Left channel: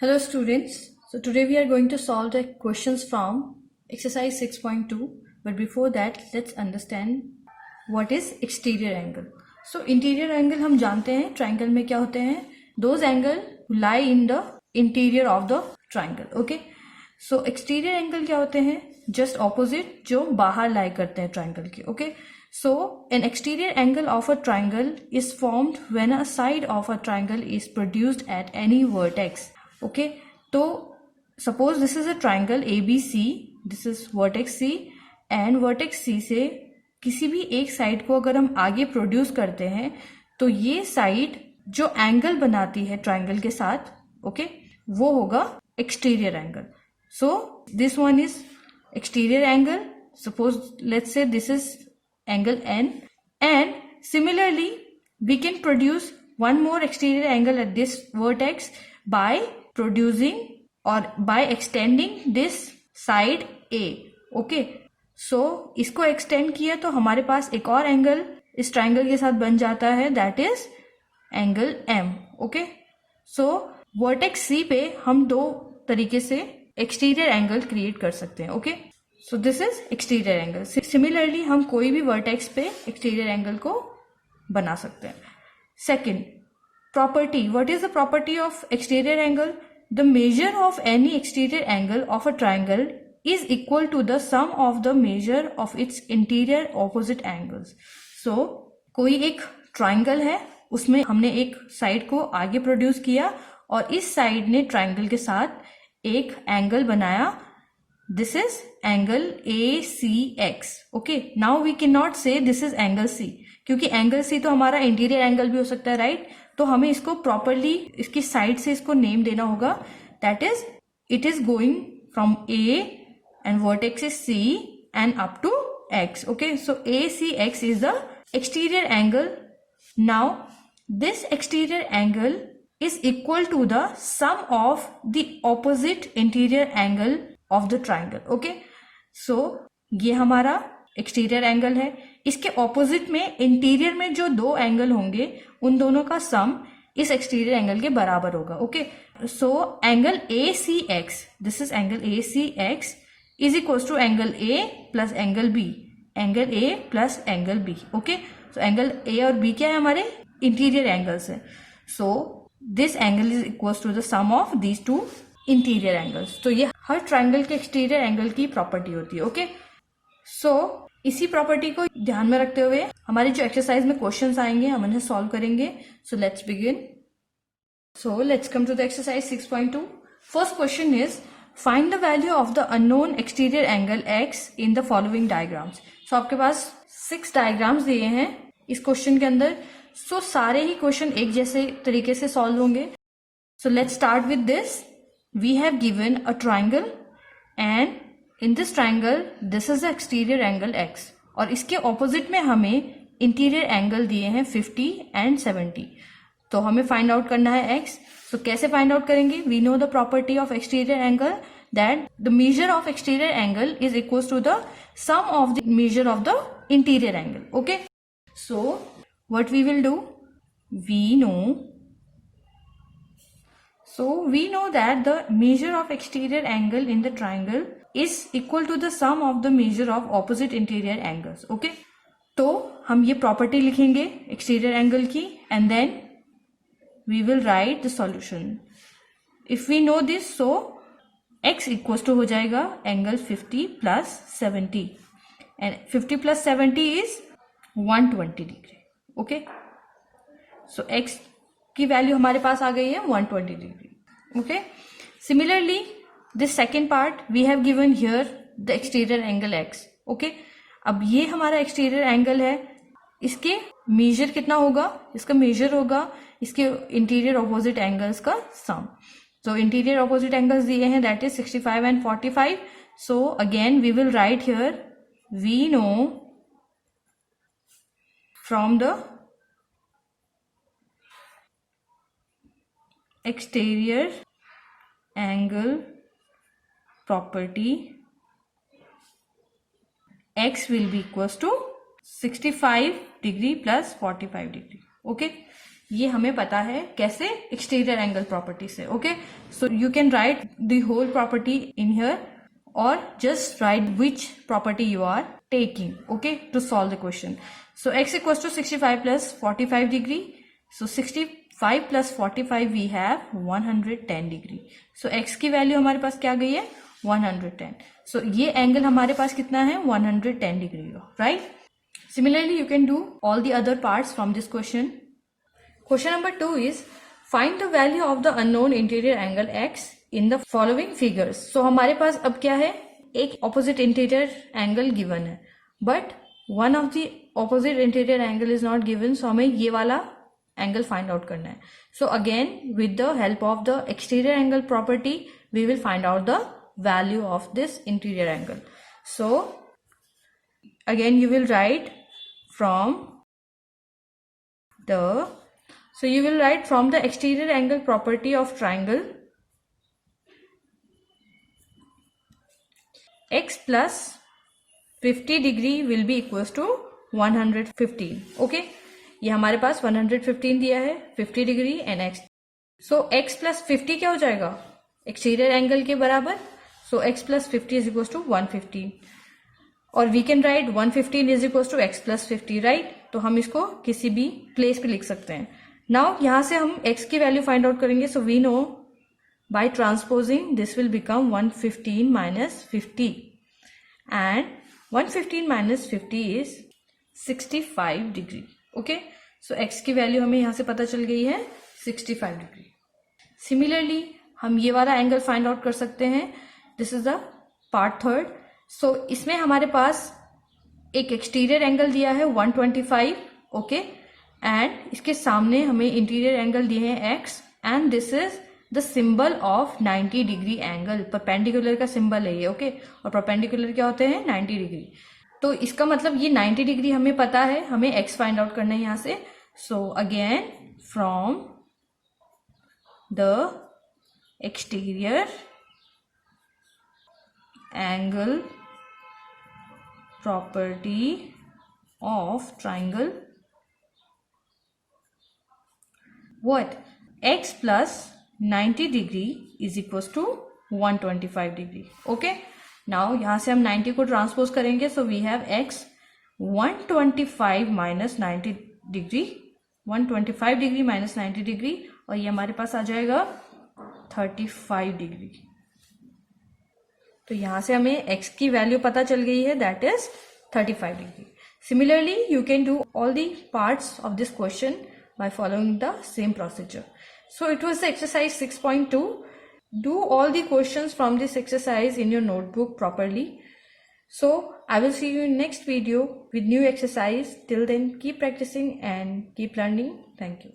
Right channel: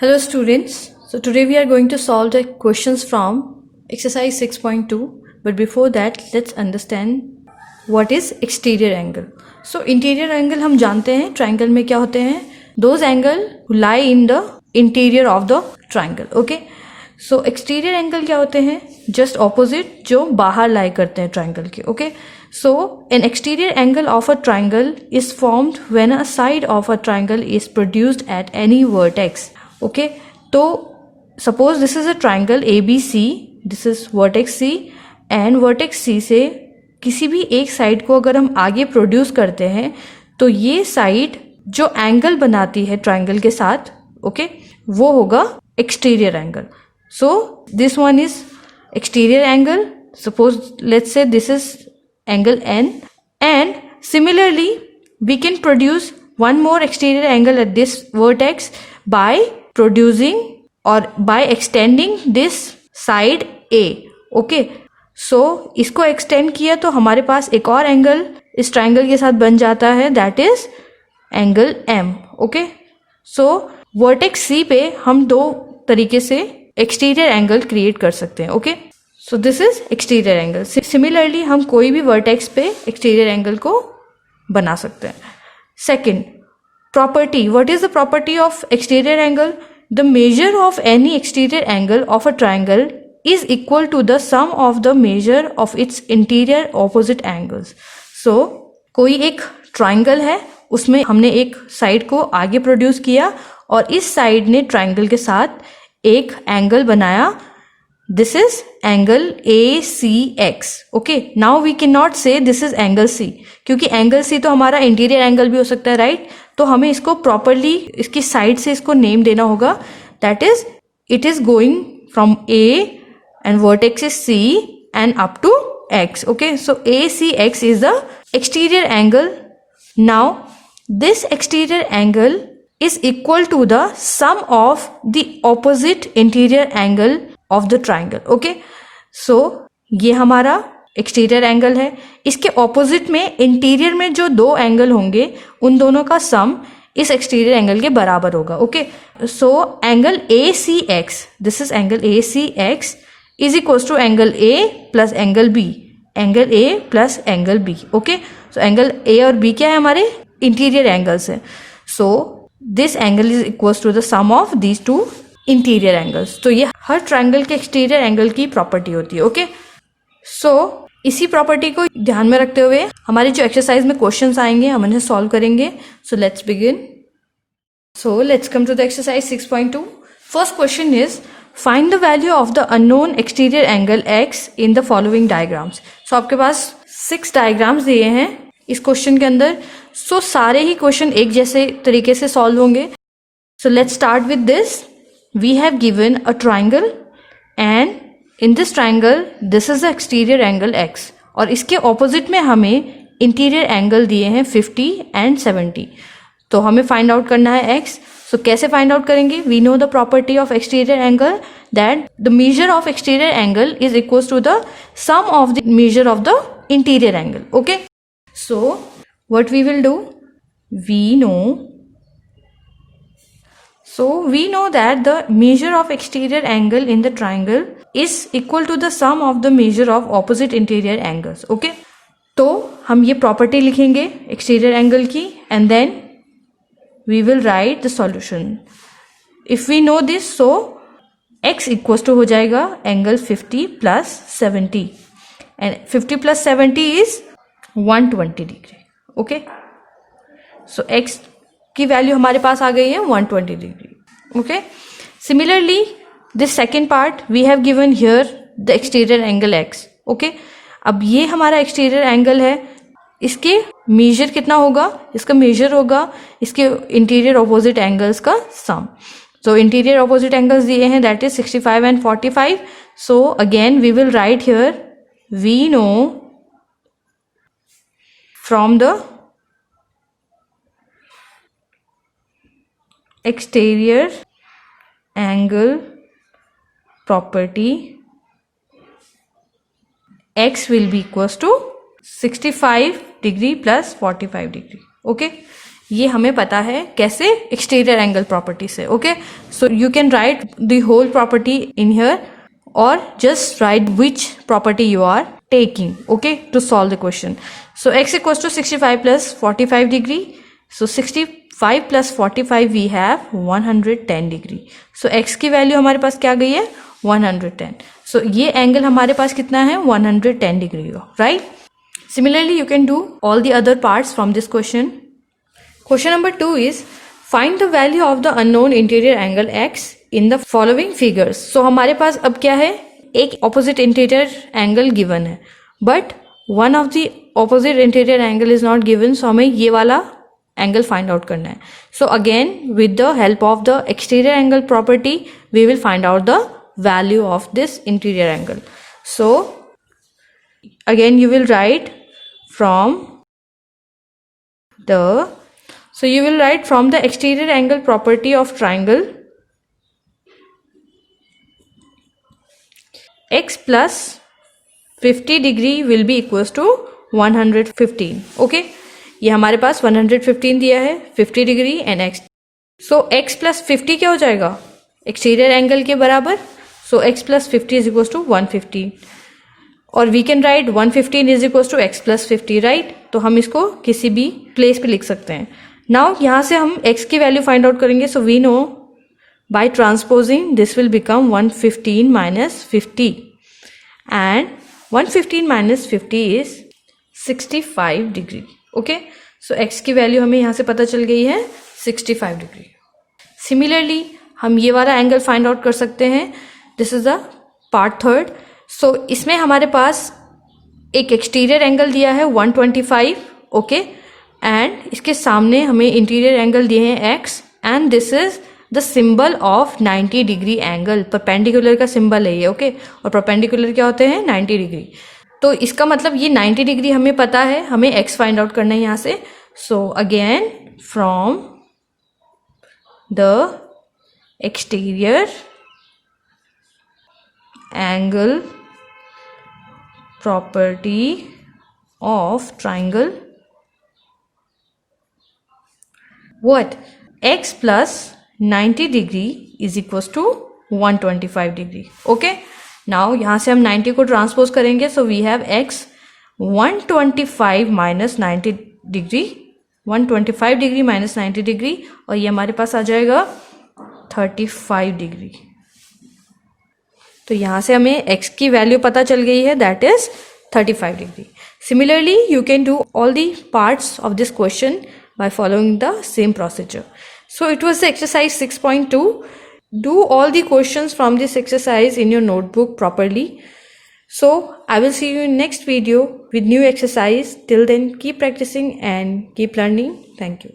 Hello students, so today we are going to solve the questions from exercise 6.2, but before that let's understand what is exterior angle. So interior angle हम जानते हैं triangle में क्या होते हैं, those angle who lie in the interior of the triangle. Okay, so exterior angle क्या होते हैं, just opposite जो बाहर lie करते हैं triangle के. Okay, so an exterior angle of a triangle is formed when a side of a triangle is produced at any vertex. Okay तो suppose this is a triangle A B C, this is vertex C and vertex C से किसी भी एक side को अगर हम आगे produce करते हैं तो ये साइड जो एंगल बनाती है ट्राइंगल के साथ, ओके वो होगा exterior angle. So this one is exterior angle. Suppose let's say this is angle N and similarly we can produce one more exterior angle at this vertex by producing or by extending this side A. okay, so इसको extend किया तो हमारे पास एक और angle इस triangle के साथ बन जाता है, that is angle M. okay, so vertex C पे हम दो तरीके से एक्सटीरियर एंगल क्रिएट कर सकते हैं. Okay, so this is exterior angle. Similarly हम कोई भी वर्टेक्स पे एक्सटीरियर एंगल को बना सकते हैं. Second property, what is the property of exterior angle? The measure of any exterior angle of a triangle is equal to the sum of the measure of its interior opposite angles. So कोई एक triangle है, उसमें हमने एक side को आगे produce किया और इस साइड ने ट्राइंगल के साथ एक एंगल बनाया. This is angle ACX. Okay, now we cannot say this is angle C क्योंकि एंगल C तो हमारा इंटीरियर एंगल भी हो सकता है, राइट? तो हमें इसको प्रॉपरली इसकी साइड से इसको नेम देना होगा. That is it is going from A and vertex is C and up to X. Okay, so ACX is the exterior angle. Now this exterior angle is equal to the sum of the opposite interior angle of the triangle. Okay, so ये हमारा exterior angle है. इसके opposite में interior में जो दो angle होंगे उन दोनों का सम इस एक्सटीरियर एंगल के बराबर होगा. Okay, so angle A C X, this is angle A C X is equals to angle A plus angle B, angle A plus angle B. Okay, so angle A और B क्या है, हमारे interior angles है. So this angle is equals to the sum of these two interior angles. तो ये हर triangle के exterior angle की प्रॉपर्टी होती है. ओके, सो इसी प्रॉपर्टी को ध्यान में रखते हुए हमारी जो एक्सरसाइज में क्वेश्चंस आएंगे हम उन्हें सॉल्व करेंगे. So let's begin. So let's come to the exercise 6.2. First question is find the value of the unknown exterior angle x in the following diagrams. So आपके पास 6 डायग्राम्स दिए हैं इस क्वेश्चन के अंदर. सो सारे ही क्वेश्चन एक जैसे तरीके से सॉल्व होंगे. So let's start with this. We have given a triangle and in this triangle this is the exterior angle x और इसके opposite में हमें interior angle दिए हैं 50 and 70. तो हमें find out करना है x. So कैसे find out करेंगे? We know the property of exterior angle that the measure of exterior angle is equals to the sum of the measure of the interior angle. Okay, so what we will do, we know that the measure of exterior angle in the triangle is equal to the sum of the measure of opposite interior angles. Okay, तो हम ये property लिखेंगे exterior angle की and then we will write the solution. If we know this, so x equals to हो जाएगा angle 50 plus 70 and 50 plus 70 is 120 degree. Okay, so x की value हमारे पास आ गई है 120 degree. Okay, similarly this second part we have given here the exterior angle x. Okay, अब ये हमारा एक्सटीरियर एंगल है, इसके मेजर कितना होगा? इसका मेजर होगा इसके इंटीरियर ऑपोजिट एंगल्स का sum. So interior opposite angles दिए हैं that is 65 and 45. So again we will write here we know from the exterior angle property x will be equals to 65 degree plus 45 degree. Okay, ये हमें पता है कैसे, exterior angle property से. Okay, so you can write the whole property in here और just write which property you are taking, okay, to solve the question. So x equals to 65 plus 45 degree. So 65 plus 45 we have 110 degree. So x की value हमारे पास क्या गई है, 110. So ये angle हमारे पास कितना है, 110 डिग्री हो, right? Similarly you can do all the other parts from this question. Question number 2 is find the value of the unknown interior angle x in the following figures. So हमारे पास अब क्या है, एक opposite interior angle given है, but one of the opposite interior angle is not given, so हमें ये वाला angle find out करना है. So again with the help of the exterior angle property we will find out the value of this interior angle. So again you will write from the exterior angle property of triangle, x plus 50 degree will be equals to 115. Okay, ये हमारे पास 115 दिया है, 50 degree and x. So x plus 50 क्या हो जाएगा, exterior angle के बराबर. So x plus 50 is equals to 115 और we can write 115 is equals to x plus 50, right. तो हम इसको किसी भी प्लेस पे लिख सकते हैं. नाउ यहाँ से हम x की वैल्यू फाइंड आउट करेंगे. So we know by transposing this will become 115 minus 50 and 115 minus 50 is 65 degree. okay, so x की वैल्यू हमें यहाँ से पता चल गई है 65 डिग्री. सिमिलरली हम ये वाला एंगल फाइंड आउट कर सकते हैं. This is the part third. So इसमें हमारे पास एक एक्सटीरियर एंगल दिया है 125, ओके, एंड इसके सामने हमें इंटीरियर एंगल दिए हैं x and this is the symbol of 90 degree angle. Perpendicular का सिंबल है ये, ओके, और परपेंडिकुलर क्या होते हैं, 90 डिग्री. तो इसका मतलब ये 90 डिग्री हमें पता है, हमें x फाइंड आउट करना है यहाँ से. So again from the exterior angle property of triangle, what, x plus 90 degree is equals to 125 degree. okay, now यहाँ से हम 90 को ट्रांसपोज करेंगे. so we have x 125 minus 90 degree, 125 degree minus 90 degree और ये हमारे पास आ जाएगा 35 डिग्री. तो यहाँ से हमें x की वैल्यू पता चल गई है, that is 35 degree. Similarly you can do all the parts of this question by following the same procedure. So it was the exercise 6.2. Do all the questions from this exercise in your notebook properly. So I will see you in next video with new exercise. Till then, keep practicing and keep learning. Thank you.